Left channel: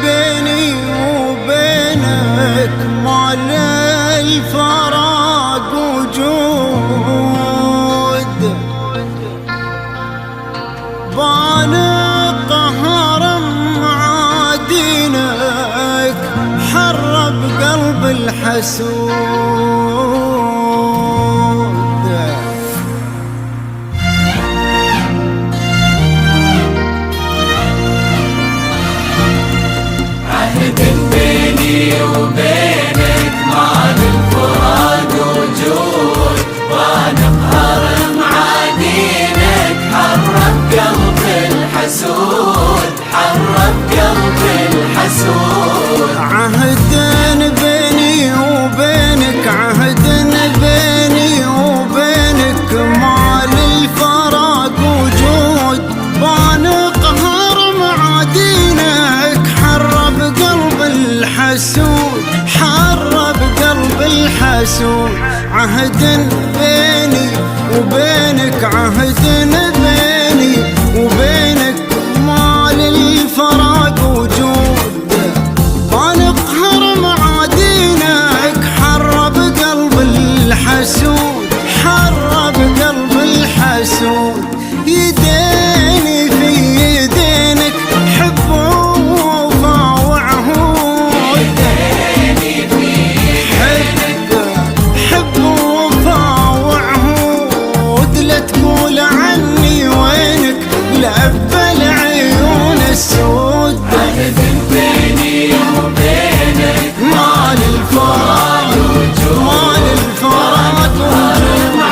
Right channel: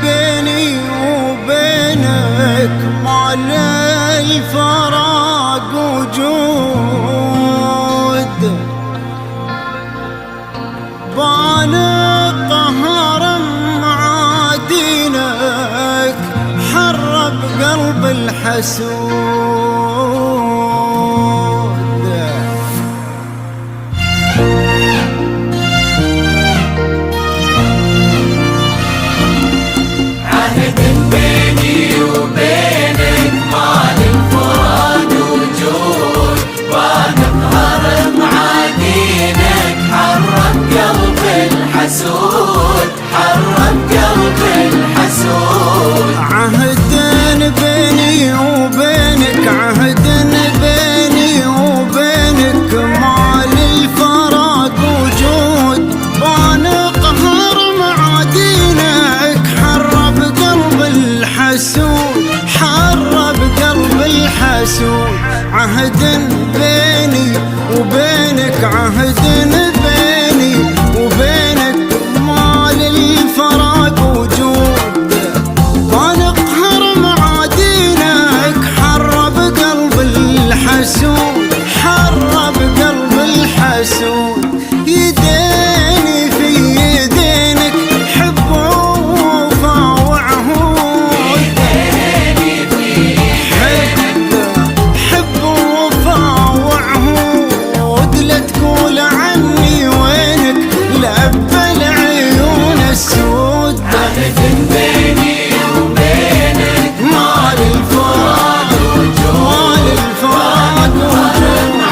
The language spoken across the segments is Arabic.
بيني وبينك ما للفراق وجود، بان قهر معادينك حرب قلب الحسود. عهد بيني وبينك ما للفراق وجود، بان قهر معادينك حرب قلب الحسود، حرب قلب الحسود. عهد بيني وبينك، عهد بيني وبينك ما للفراق وجود، بان قهر معادينك حرب قلب الحسود، حرب قلب الحسود. عهد بيني وبينك، عهد بيني وبينك ما للفراق وجود، بان قهر معادينك حرب قلب الحسود، حرب قلب الحسود. يديني في يدينك حب ووفا وعهود، حب ووفا وعهود. لا تقول عني وينك لأبى العيون السود، ما للفراق وجود،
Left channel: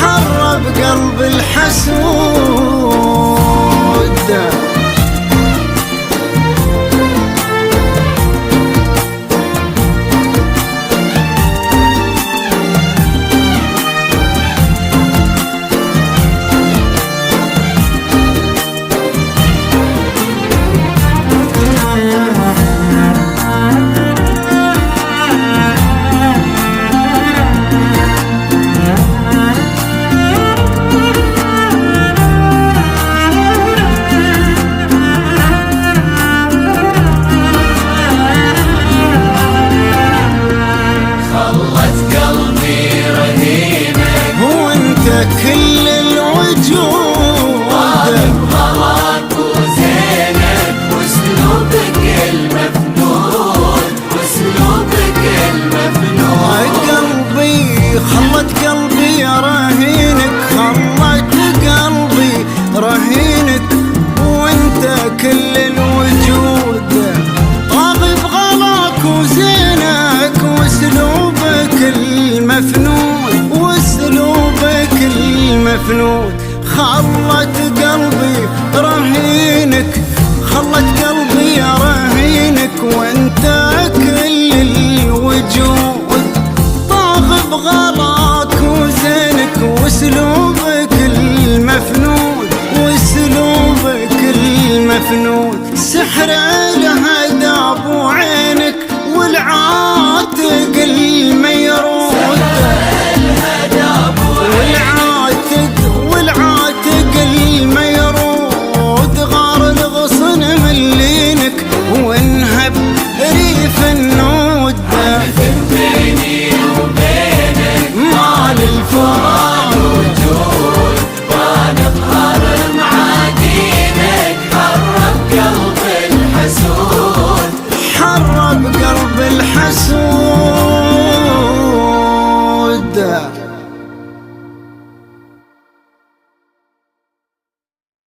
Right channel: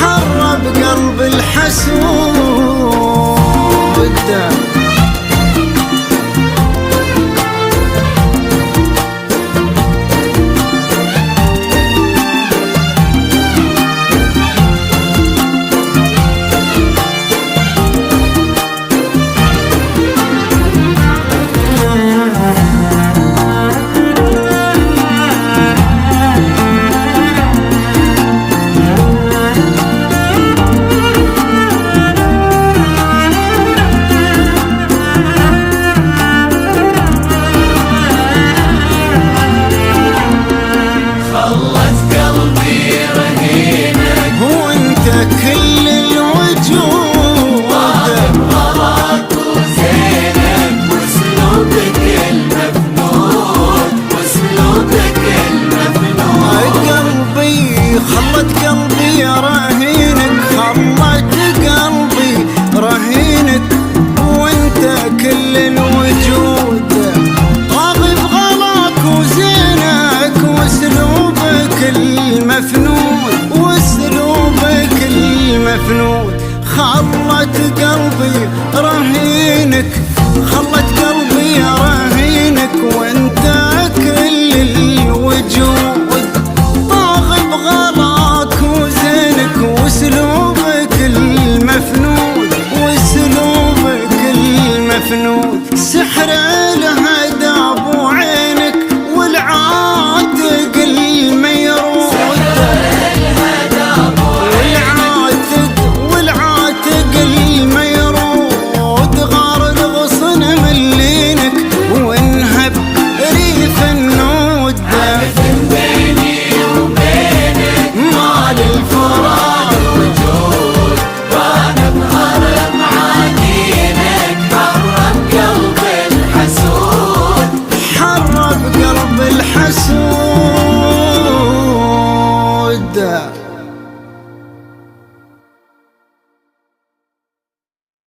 حرب قلب الحسود. كل الوجود غلط وزينك واسلوبك المفنون، واسلوبك المفنون. قلبي خلت قلبي رهينك، خلت قلبي رهينك، وانت كل الوجود. طاغي بغلاك وزينك واسلوبك المفنون، واسلوبك المفنون. خلت قلبي رهينك، خلت قلبي رهينك، وانت كل الوجود. طاغي بغلاك وزينك واسلوبك المفنون، واسلوبك المفنون. سحر الهدى بعينك والعاتق الميرود، والعاتق الميرود. غار الغصن ملينك وانهب ريف النود، بيني وبينك ما للفراق وجود، وانا بقهر معادينك حرب قلب الحسود، حرب قلب الحسود.